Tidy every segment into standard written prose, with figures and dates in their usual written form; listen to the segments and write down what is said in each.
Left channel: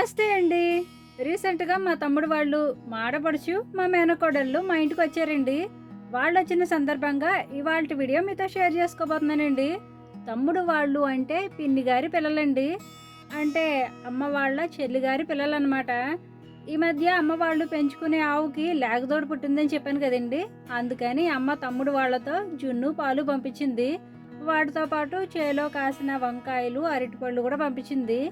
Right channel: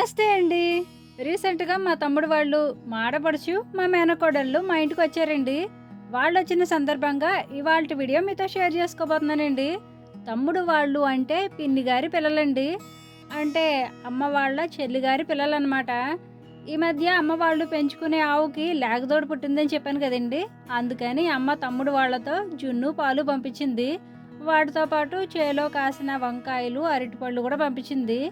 నమస్తే అండి. రీసెంట్‌గా మా తమ్ముడు వాళ్ళు, మా ఆడపడుచు, మా మేనకోడళ్ళు మా ఇంటికొచ్చారండి. వాళ్ళొచ్చిన సందర్భంగా ఇవాల్టి వీడియో మీతో షేర్ చేసుకోబోతున్నానండి. తమ్ముడు వాళ్ళు అంటే పిన్ని గారి పిల్లలండి. అంటే అమ్మ వాళ్ళ చెల్లి గారి పిల్లలనమాట. ఈ మధ్య అమ్మ వాళ్ళు పెంచుకునే ఆవుకి లేగదోడు పుట్టిందని చెప్పాను కదండీ! అందుకని అమ్మ తమ్ముడు వాళ్ళతో జున్ను, పాలు పంపించింది. వాటితో పాటు చేలో కాసిన వంకాయలు, అరటిపళ్ళు కూడా పంపించింది.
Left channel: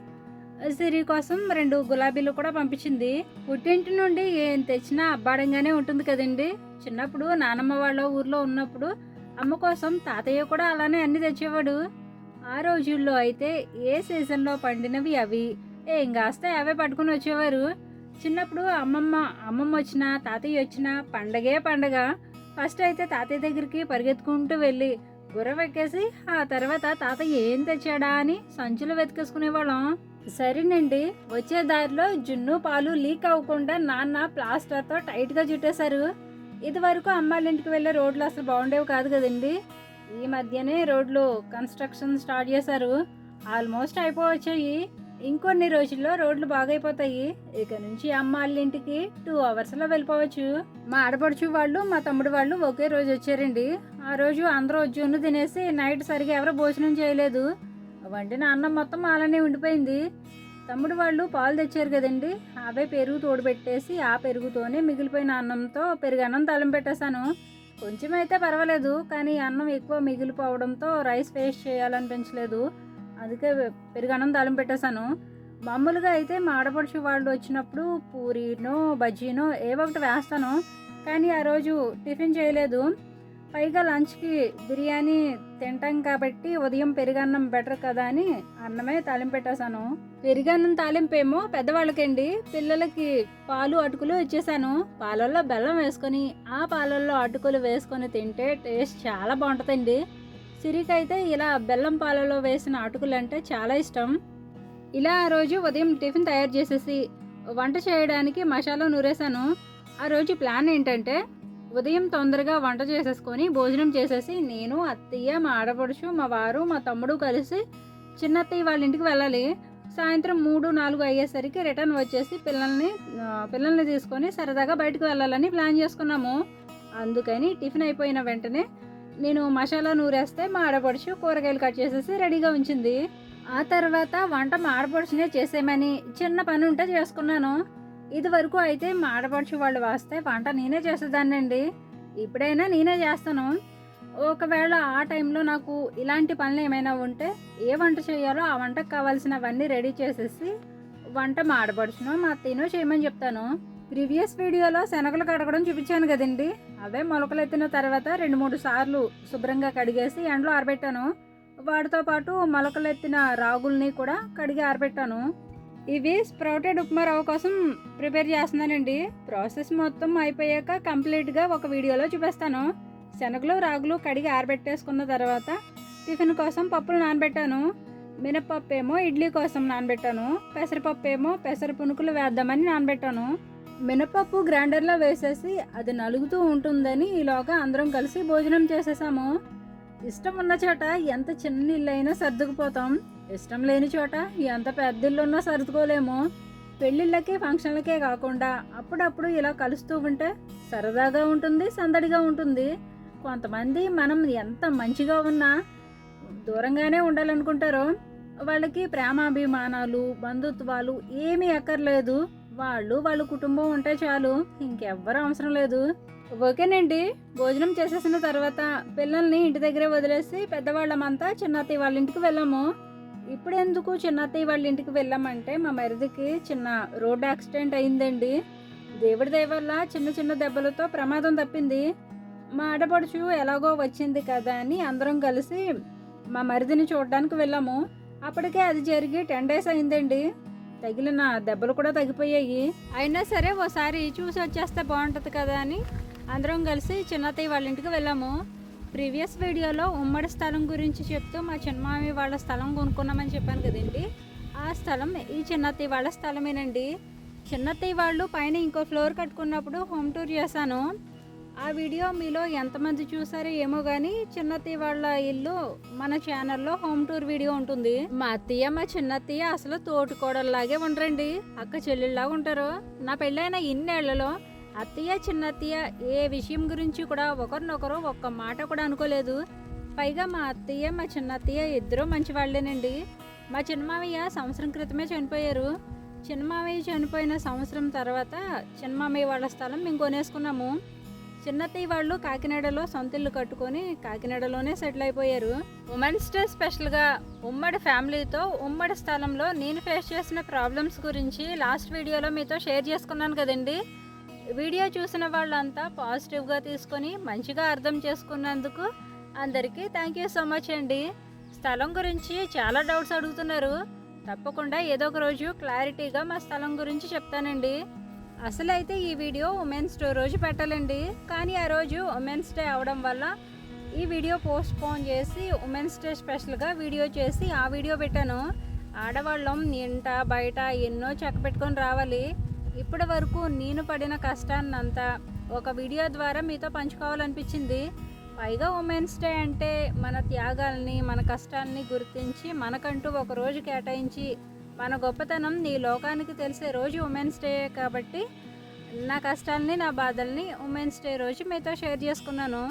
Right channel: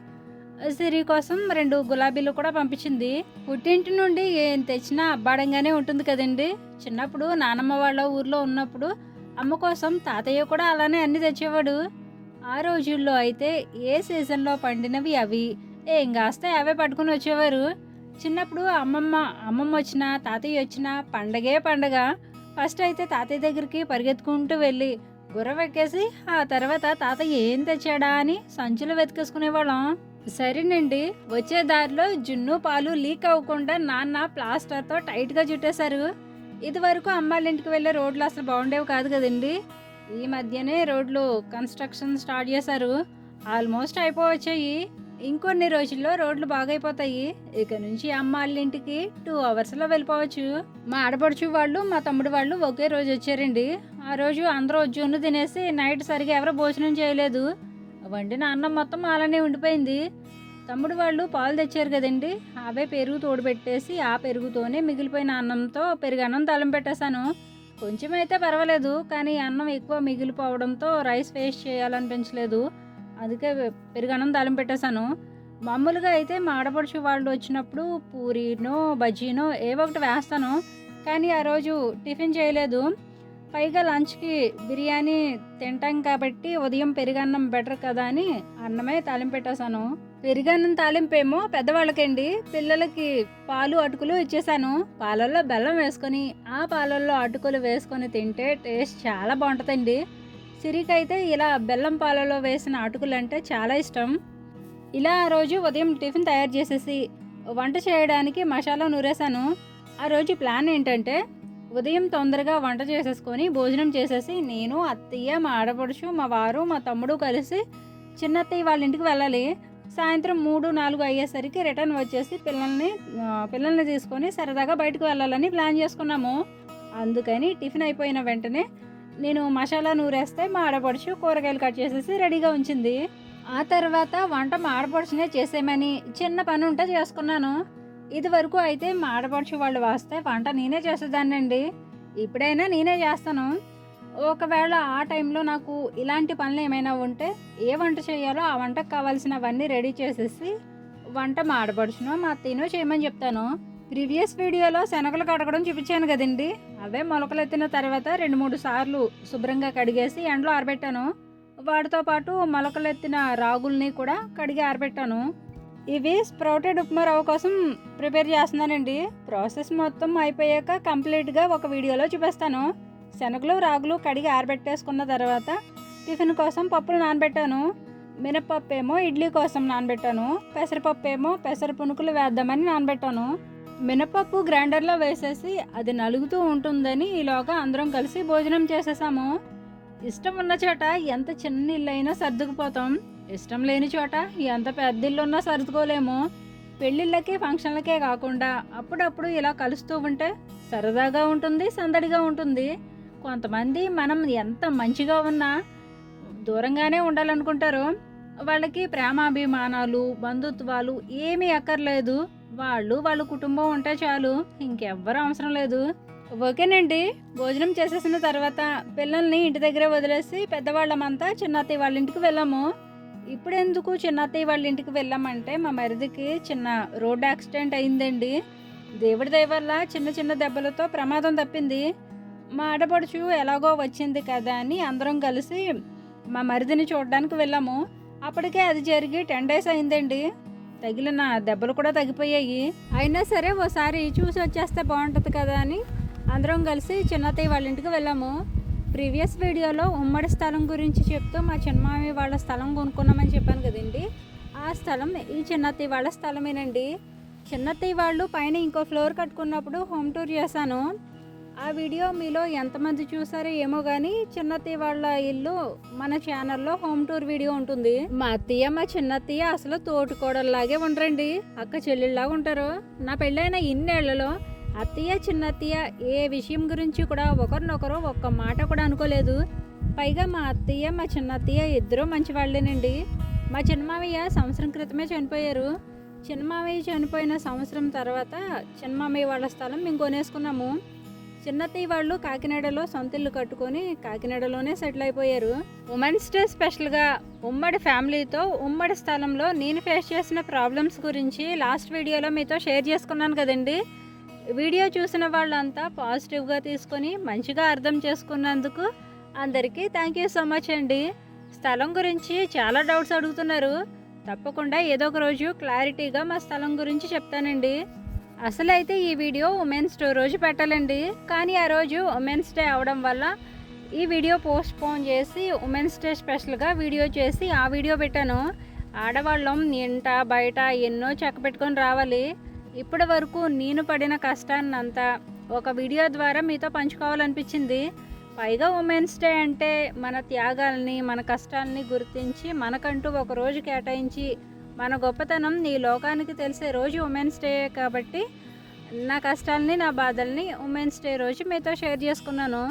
సిరి కోసం 2 గులాబీలు కూడా పంపించింది. పుట్టింటి నుండి ఏం తెచ్చినా అబ్బాడంగానే ఉంటుంది కదండీ! చిన్నప్పుడు నానమ్మ వాళ్ళ ఊర్లో ఉన్నప్పుడు అమ్మ కోసం తాతయ్య కూడా అలానే అన్నీ తెచ్చేవాడు. ఆ రోజుల్లో అయితే ఏ సీజన్‌లో పండినవి అవి, ఏం కాస్తే అవే పట్టుకొని వచ్చేవారు. చిన్నప్పుడు అమ్మమ్మ వచ్చినా, తాతయ్య వచ్చినా పండగే పండగ. ఫస్ట్ అయితే తాతయ్య దగ్గరికి పరిగెత్తుకుంటూ వెళ్ళి గుర్రం ఎక్కేసి, ఆ తర్వాత తాతయ్య ఏం తెచ్చాడా అని సంచులు వెతికేసుకునేవాళ్ళం. సరేనండి, వచ్చే దారిలో జున్ను, పాలు లీక్ అవ్వకుండా నాన్న ప్లాస్టర్‌తో టైట్‌గా చుట్టేశారు. ఇదివరకు అమ్మాళ్ళింటికి వెళ్ళే రోడ్లు అసలు బాగుండేవి కాదు కదండీ! ఈ మధ్యనే రోడ్లు కన్‌స్ట్రక్షన్ స్టార్ట్ చేశారు. ఆల్మోస్ట్ అయిపోవచ్చాయి. ఇంకొన్ని రోజుల్లో రోడ్లు బాగైపోతాయి. ఇక నుంచి అమ్మాళ్ళింటికి 2 అవర్స్‌లో వెళ్ళిపోవచ్చు. మా ఆడపడుచు వాళ్ళు, మా తమ్ముడు వాళ్ళు ఒకే రోజు వచ్చారండి. ఆ రోజు అందరూ జున్ను తినేసి నైట్ సరిగ్గా ఎవరు భోజనం చేయలేదు. వండిన అన్నం మొత్తం అలానే ఉండిపోయింది. తమ్ముడు వాళ్ళు పాలు తెచ్చారు కదండి, అవే పెరుగు తోడు పెట్టేసి ఆ పెరుగుతోనే మిగిలిపోయిన అన్నంతో పెరుగన్నం తాలింపు పెట్టేశాను. కొంచెం అయితే పర్వాలేదు, కానీ అన్నం ఎక్కువ మిగిలిపోవడంతో రైస్ వేస్ట్ చేయాలనిపించలేదు. అందుకే పెరుగన్నం తాలింపు పెట్టేశాను. మామూలుగా అయితే మా ఆడపడుచు వాళ్ళు వచ్చినప్పుడు పూరీనో బజ్జీనో ఏవో ఒకటి వేస్తాను, కానీ ఆ రోజు టిఫిన్ చేయలేదు. పైగా లంచ్కి బిర్యానీ తింటాం కాబట్టి ఉదయం పెరుగన్నం బెటర్ కదా అని అన్నమే తాలింపు పెట్టేశాను. పెరుగన్నం తాలింపేమో పెద్దవాళ్ళకండి, పిల్లలకి పాలు అటుకులు ఇచ్చేసాను. పాలల్లో బెల్లం వేసుకొని ఆ పాలల్లో అటుకులు వేసుకొని తింటే టేస్ట్ చాలా బాగుంటుందండి. సిరికైతే ఇలా బెల్లం పాలలో వేసిన అటుకులు అంటే చాలా ఇష్టం. ఇలా ఆ రోజు ఉదయం టిఫిన్ తయారు చేసేసి వంట చేయడానికి మసాలా నూరేశాను. ఆ రోజు ప్లాన్ ఏంటంటే ఉదయం తొందరగా వంట చేసేసుకొని భోజనం చేసేసి నేను, అత్తయ్య, మా ఆడపడుచు, మా వారు, మా తమ్ముడు కలిసి చిన్నత్తయ్య వాళ్ళ ఇంటికి వెళ్ళాలి. సాయంత్రం 3, 4 అయ్యేసరికి రిటర్న్ వచ్చేసి పిల్లల్ని తీసుకొని సరదాగా బయటకు వెళ్ళాలని ప్లాన్ చేసుకున్నాము. అందుకని టిఫిన్ అయిపోయిన వెంటనే నేను మసాలా నూరేస్తే మా ఆడపడుచు కూరగాయలు కట్ చేసేసి రెడీగా ఉంచింది. ఆ తర్వాత వంట మా ఆడపడుచునే చేసేయమని చిన్న పని ఉంటే చేసుకున్నాను. ఇది వరకు అయితే మా ఆడపడుచు వాళ్ళు వస్తే వంట నేనే చేసేదాన్నండి. ఇప్పుడైనా నేనే చేస్తాను. ఒకవేళ ఆ టైంలో నాకు ఇలాంటి పనులు ఏమైనా ఉంటే ఏ వంట చేయాలో ఆ వంటకు కావాల్సినవన్నీ రెడీ చేసేసి వంట మా ఆడపడుచునో మా అత్తయ్యనో చేయమని చెప్తాను. ప్రీవియస్ వీడియోలో శనగలు కడగడం చూపించాను కదండి, అవే మొలకలు ఎత్తిన తర్వాత 2-3 సార్లు శుభ్రంగా కడిగేసి ఎండలో ఆరబెట్టాను. వాటితో పాటు మొలకలెత్తిన రాగుల్ని కూడా కడిగి ఆరబెట్టాను. ఇవి స్ప్రౌటెడ్ ఉప్మా రవ్వ కోసం ప్రిపేర్ చేస్తున్నానండి. ప్రాసెస్ మొత్తం అయిపోయాక కంప్లీట్గా ఒక వీడియోలో చూపిస్తాను. శనగలు, రాగులు కడిగి ఆరబెట్టేసుకున్న తర్వాత టిఫిన్ కోసం పప్పులు నానబెట్టాను. మినపప్పు ఏమో ఇడ్లీ కోసం నానబెట్టాను. పెసరపప్పు ఏమో పెసర పునుకులు వేద్దామని నానబెట్టాను. మినపప్పు గ్రైండర్లో వేసేసి అది నలుగుతూ ఉంటుందని ఈలోగా అందరం కలిసి భోజనం చేసేసాము. ఇష్టం ఉన్న చోట ఎంత చిన్న ఇల్లు అయినా సర్దుకుపోతాం. ఇష్టం లేని చోట ఎంత పెద్ద ఇల్లు ఉన్నా సర్దుకోలేము. పెళ్ళిళ్ళకి, ఫంక్షన్లకే కాకుండా అప్పుడప్పుడు ఇలా కలుస్తూ ఉంటే సరదాగా ఉంటుంది, సందడిగా ఉంటుంది. కొంతమంది మనం ఎంత మంచిగా ఉన్నా దూరంగానే ఉండాలనుకుంటారు. వాళ్ళకి ప్రేమాభిమానాలు, బంధుత్వాలు ఏమీ అక్కర్లేదు. వాళ్ళ కుటుంబం ఉంటే చాలు, ఇంకెవ్వరూ అవసరం లేదు. ఓకేనండి, భోజనం చేసేసిన తర్వాత పిల్లల్ని ఇంటి దగ్గరే వదిలేసి పెద్దవాళ్ళమంతా చిన్నత్తయ్య వాళ్ళ ఇంటికి వెళ్ళాము. ఇప్పుడు ఎందుకు చిన్నత్తయ్య వాళ్ళ ఇంటికి వెళ్ళామంటే మా మరిదికి చిన్న రోడ్ యాక్సిడెంట్ అయిందండి. దేవుడి దయ వల్ల చిన్న చిన్న దెబ్బలతో ప్రమాదం తప్పింది. మా ఆడపడుచు ఎలాగో వచ్చింది కదా అని అందరం కలిసి మా మరిదిని చూడడానికి వెళ్ళాము. అప్పటికే అది జరిగి 10 days అయిందండి. తగిలిన దెబ్బలు కూడా తగ్గిపోయాయి. అయినా సరే ఓసారి చూసి వచ్చేస్తే బాగుంటుంది కదా అని అందరం కలిసి చిన్నత్తయ్య వాళ్ళ ఇంటికి వెళ్ళాము. ప్రీవియస్ వీడియోలో ఉమ్మడి స్థలం గురించి చెప్తూ మా చిన్నమామి వాళ్ళ స్థలం కొనుక్కున్నామని చెప్పాను కదండి, ఆ స్థలం ఈ చిన్నత్తయ్య వాళ్ళ స్థలమేనండి. చిన్నత్తయ్య వాళ్ళు పైన ఇంకో ఫ్లోర్ కట్టుకున్నప్పుడు హోమ్ టూర్ చేశాను. ఆ వీడియో మీలో ఎంతమంది చూసారో ఏమో కానీ చిన్నత్తయ్య వాళ్ళ ఇల్లు మన ఛానల్లో హోమ్ టూర్ వీడియో ఉంటుంది. మా అత్తయ్య మా చిన్నత్తయ్య అసలు తోటికోడల్లాగే ఉండరండి, అక్క చెల్లెళ్ళలాగా ఉంటారు. నా పెళ్ళైన ఇన్నేళ్లలో అత్తయ్య చిన్నత్తయ్య ఏ విషయం గురించి కూడా ఒకరినొకరు ఒక్క మాట కూడా అనుకోలేదు. పైగా మా అత్తయ్య మా చిన్నత్తయ్య ఇద్దరూ మంచి వాళ్ళేనండి. మా చిన్నమామయ్య సంవత్సరం క్రితమే చనిపోయారు. చిన్నమామయ్య చనిపోయిన సంవత్సరం తర్వాత చిన్నమామయ్య వాళ్ళ స్థలం మేము కొనేసుకున్నాము. చిన్నత్తయ్య వాళ్ళు కాకినాడలో సొంత ఇల్లు కట్టుకొని కాకినాడలోనే సెటిల్ అయిపోయారు. ఉమెన్స్ డే స్పెషల్గా ఉమ్మడి ఫ్యామిలీతో ఉమ్మడి స్థలంలో నేను ఫేస్ చేసిన ప్రాబ్లమ్స్ గురించి లాస్ట్ వీడియోలో మీతో షేర్ చేసుకున్నాను కదండి. వీడియో చూసిన వాళ్ళంతా పాజిటివ్గా తీసుకొని మంచిగా అర్థం చేసుకున్నందుకు అందరికీ థ్యాంక్ యూ సో మచ్ అండి. స్థలం గురించి చాలా డౌట్స్ అడుగుతున్నారు. తప్పకుండా ఏదో ఒక రోజు క్లారిటీగా మా స్థలం గురించి చెప్తానండి. అసలు అయితే ఈ వీడియో ఉమెన్స్ డే రోజు పెట్టాలండి, కానీ ఆ రోజు ఉమెన్స్ డే అవడం వల్ల ఈ వీడియో పోస్ట్ పోన్ చేసి ఉమెన్స్ డే స్పెషల్గా వీడియో చేసి ఆ వీడియో పెట్టాను. ఆడవాళ్ళం ఇంట బయట ఎన్నో చెక్క పెట్టుకొని రావాలి. ఇప్పటి వరకు నేను పడిన కష్టాన్నంతా ఒక వీడియో ద్వారా మీతో పంచుకోవాలనిపించింది. పైగా ఉమెన్స్ డే అంటే మన త్యాగాల్ని మన కష్టాలని గుర్తించి మనకంటూ ఒక రోజు కేటాయించి మన గొప్పతనం ఈ లోకానికి తెలిసే రోజు ఉమెన్స్ డే కాబట్టి నా కష్టాలని నా బాధల్ని ఉమెన్స్ డే రోజు మీతో షేర్ చేసుకున్నాను.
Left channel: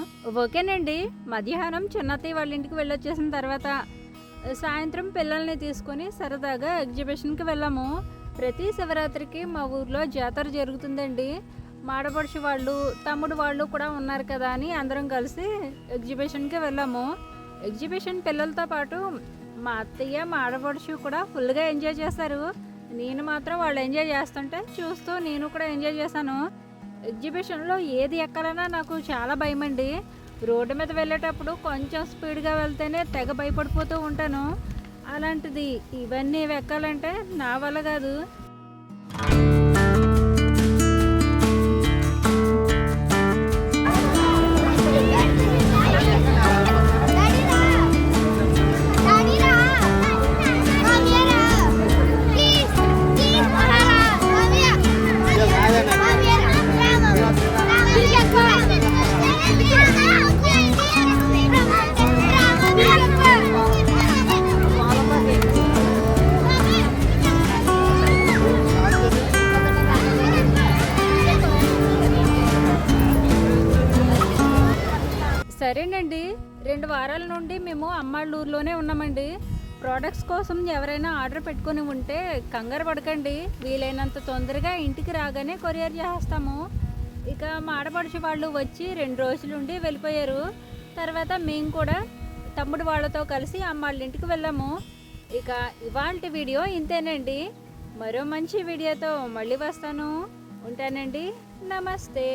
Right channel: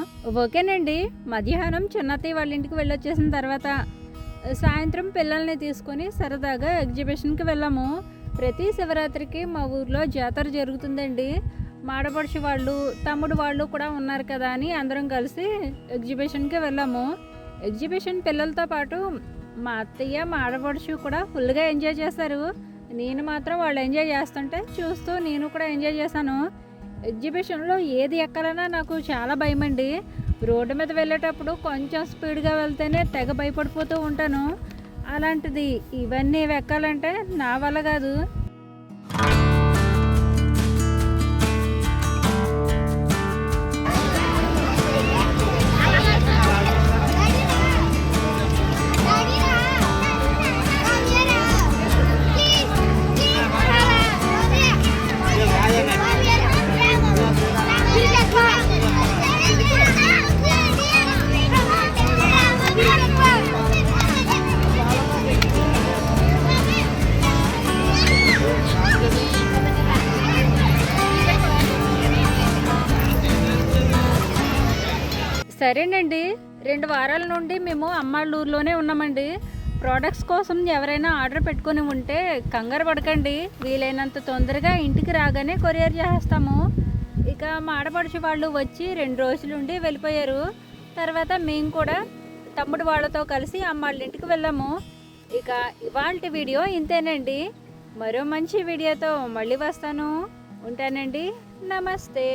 ఓకేనండి. మధ్యాహ్నం చిన్నత్తయ్య వాళ్ళ ఇంటికి వెళ్ళొచ్చేసిన తర్వాత సాయంత్రం పిల్లల్ని తీసుకొని సరదాగా ఎగ్జిబిషన్కి వెళ్ళాము. ప్రతి శివరాత్రికి మా ఊర్లో జాతర జరుగుతుందండి. మాడపడుచు వాళ్ళు తమ్ముడు వాళ్ళు కూడా ఉన్నారు కదా అని అందరం కలిసి ఎగ్జిబిషన్కి వెళ్ళాము. ఎగ్జిబిషన్ పిల్లలతో పాటు మా అత్తయ్య మా ఆడపడుచు కూడా ఫుల్గా ఎంజాయ్ చేశారు. నేను మాత్రం వాళ్ళు ఎంజాయ్ చేస్తుంటే చూస్తూ నేను కూడా ఎంజాయ్ చేశాను. ఎగ్జిబిషన్లో ఏది ఎక్కాలన్నా నాకు చాలా భయం అండి. రోడ్డు మీద వెళ్ళేటప్పుడు కొంచెం స్పీడ్గా వెళ్తేనే తెగ భయపడిపోతూ ఉంటాను. అలాంటిది ఇవన్నీ ఎక్కాలంటే నా వల్ల కాదు. సరేనండి. 2 వారాల నుండి మేము అమ్మాళ్ళూరులోనే ఉన్నామండి. ప్రోడక్ట్స్ కోసం ఎవరైనా ఆర్డర్ పెట్టుకొని ఉంటే కంగారు పడకండి, వీలైనంత తొందరగా ఇంటికి రాగానే కొరియర్ చేస్తాము. ఇక మా ఆడపడుచు వాళ్ళు వచ్చి 2 రోజులుండి వెళ్ళిపోయారు. తర్వాత మేము కూడా తమ్ముడు వాళ్ళతో కలిసి అమ్మాళ్ళ ఇంటికి వెళ్ళాము. ఇక ఇవాంటి వీడియో ఇంతేనండి. మరో మంచి వీడియోతో మళ్ళీ వస్తాను. ఉంటానండి. నమస్తే.